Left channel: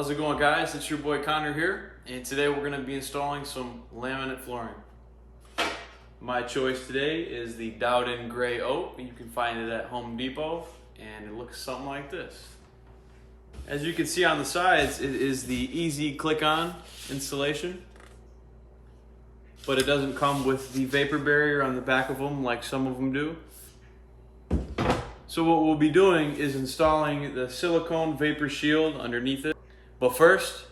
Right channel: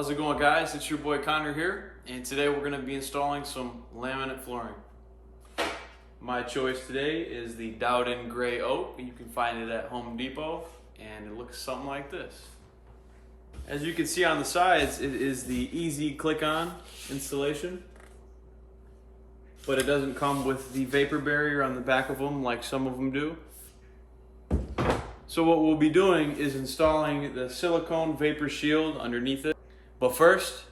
How's it going, guys? It's your boy Connor here, and today we're going to be installing some laminate flooring. My choice today is the Dowden Gray Oak. You can find it at Home Depot, and it looks something like this. As you can see on the sides, it is the easy click-on installation, but it doesn't come with the vapor barrier on the back of them like some of them do. So what we'll be doing is installing the silicone vapor shield underneath it. But first,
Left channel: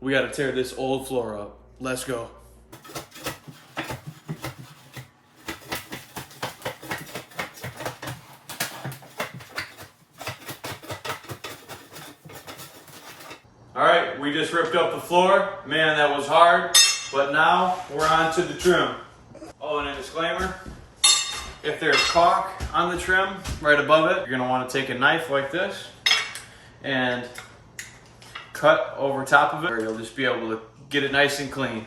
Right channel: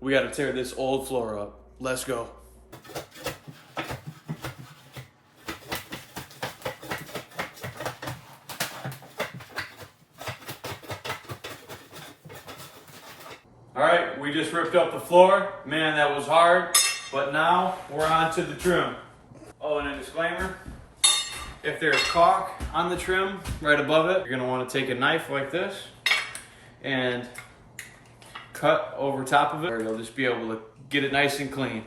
we gotta tear this old floor up. Let's go. All right, we just ripped up the floor. Man, that was hard. But now we're on to the trim. Oh, and a disclaimer. If there's caulk on the trim right above it, you're gonna wanna take a knife like this and cut over top of it, or you'll just be able to get it nice and clean.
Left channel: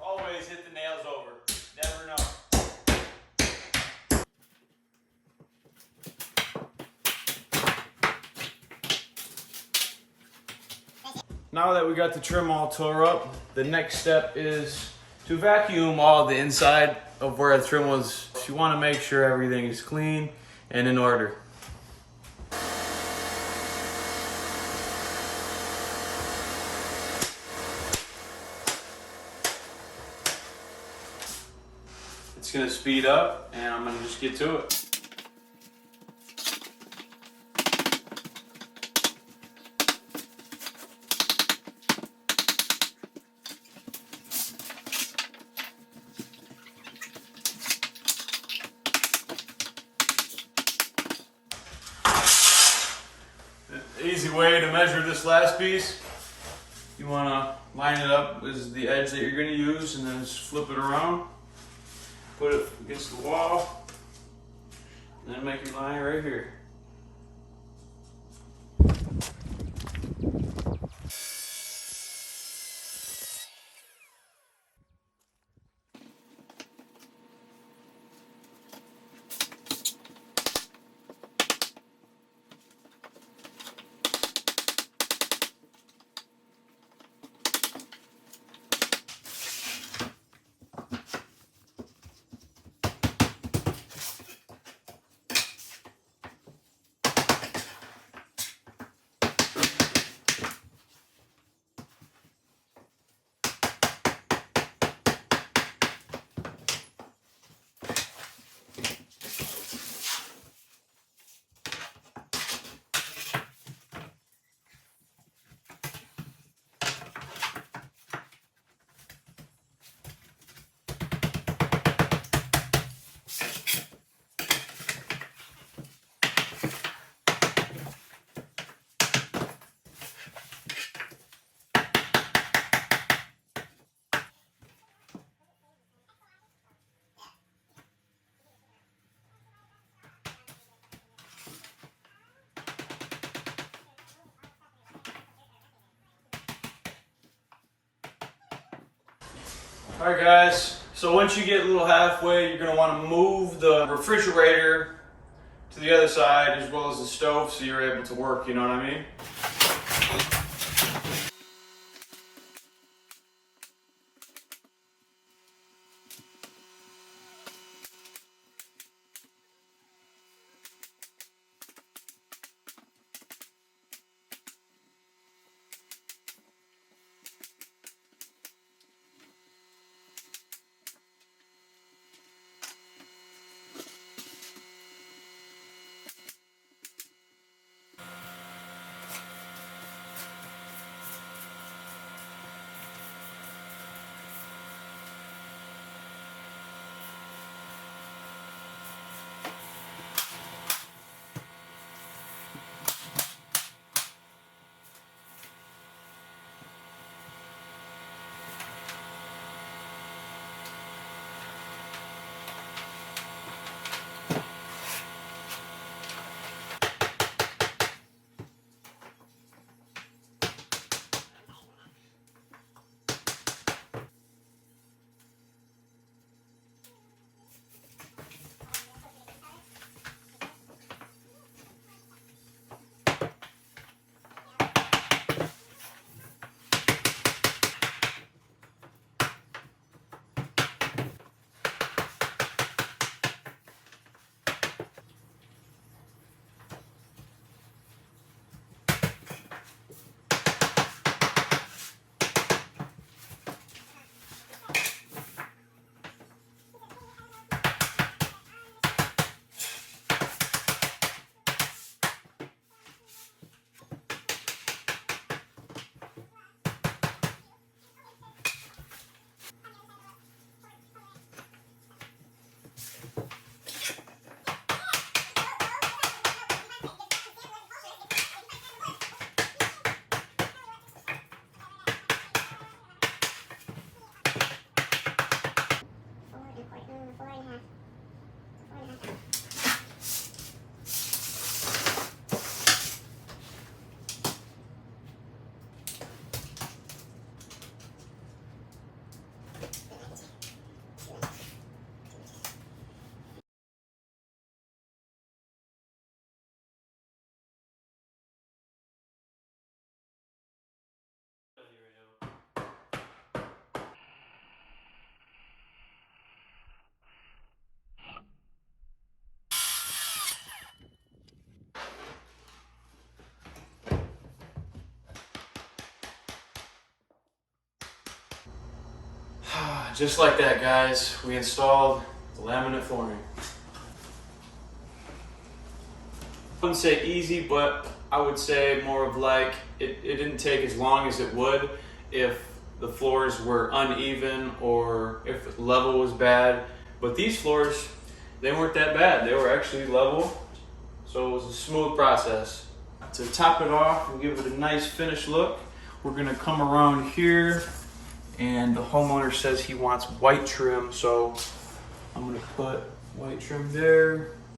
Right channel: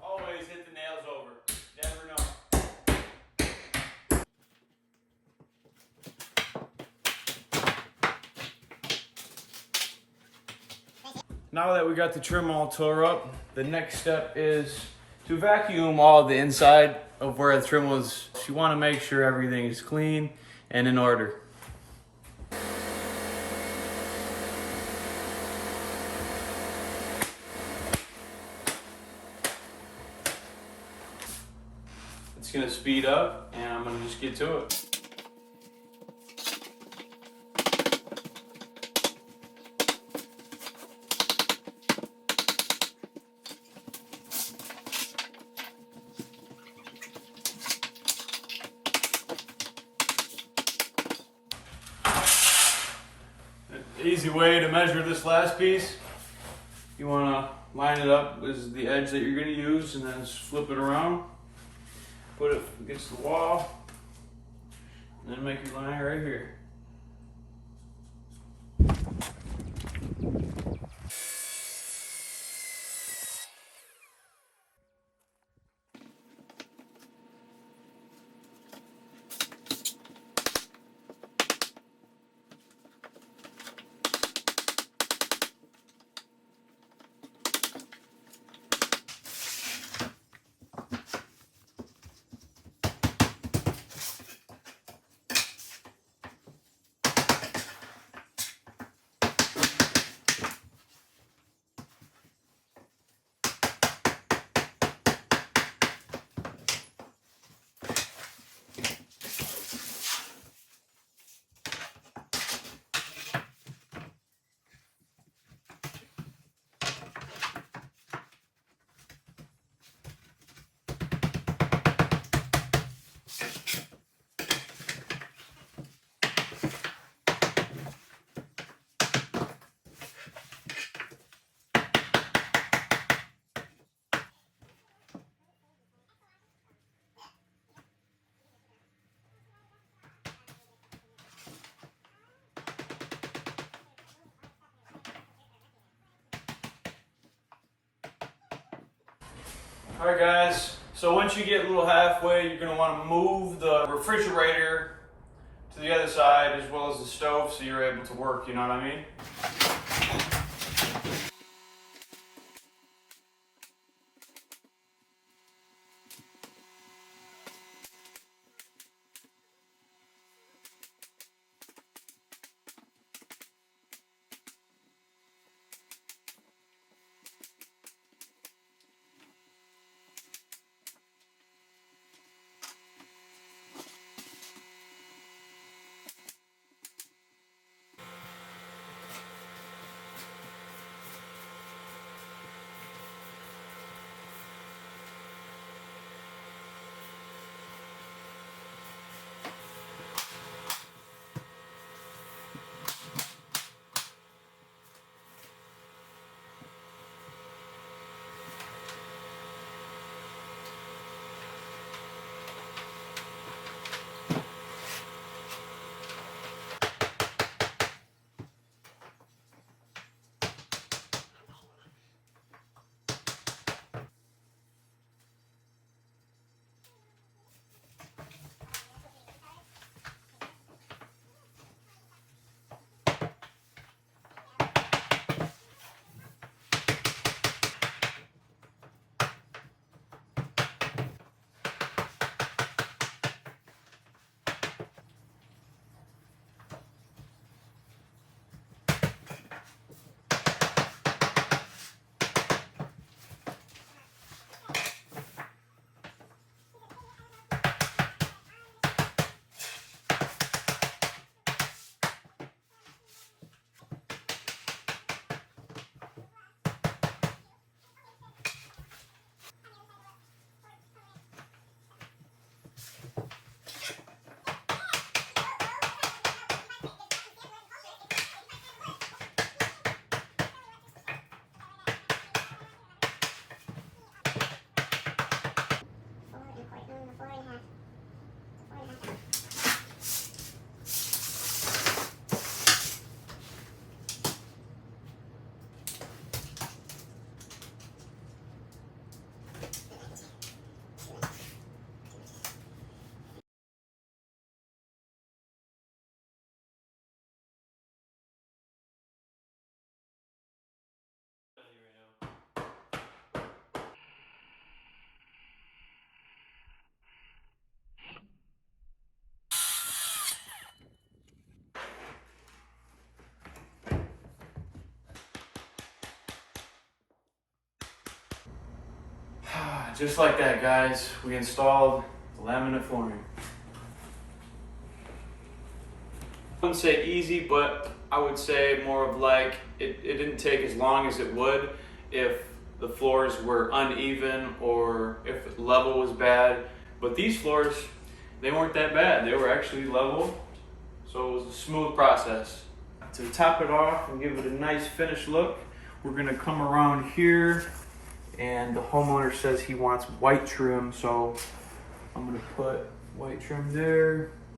Always hit the nails over. Never know. Now that we got the trim all tore up, the next step is to vacuum all the inside of where the trim was. You want to make sure everything is clean and in order. It's going to speed up, and I'm going to just get to it. Easy way to measure this last piece. You want to line it up. This is the edge that you're going to use, and then just flip it around. Put it against the wall, and then make your line right here. Alright guys, so once you get a little halfway, you're going to want to move the refrigerator to the other side as well as the stove so you're able to work, you know what I mean? Just like that, guys, we installed the laminate flooring. I wouldn't say easy, but I would say more of like it didn't take as long as it would if the floors were uneven or if the level was bad. But these floors, they weren't that bad. They were actually level, so it was a smooth process. To top it off and give it a nice finished look, we're gonna come around here, and the homeowner says he wants white trim, so I'm gonna put white trim there.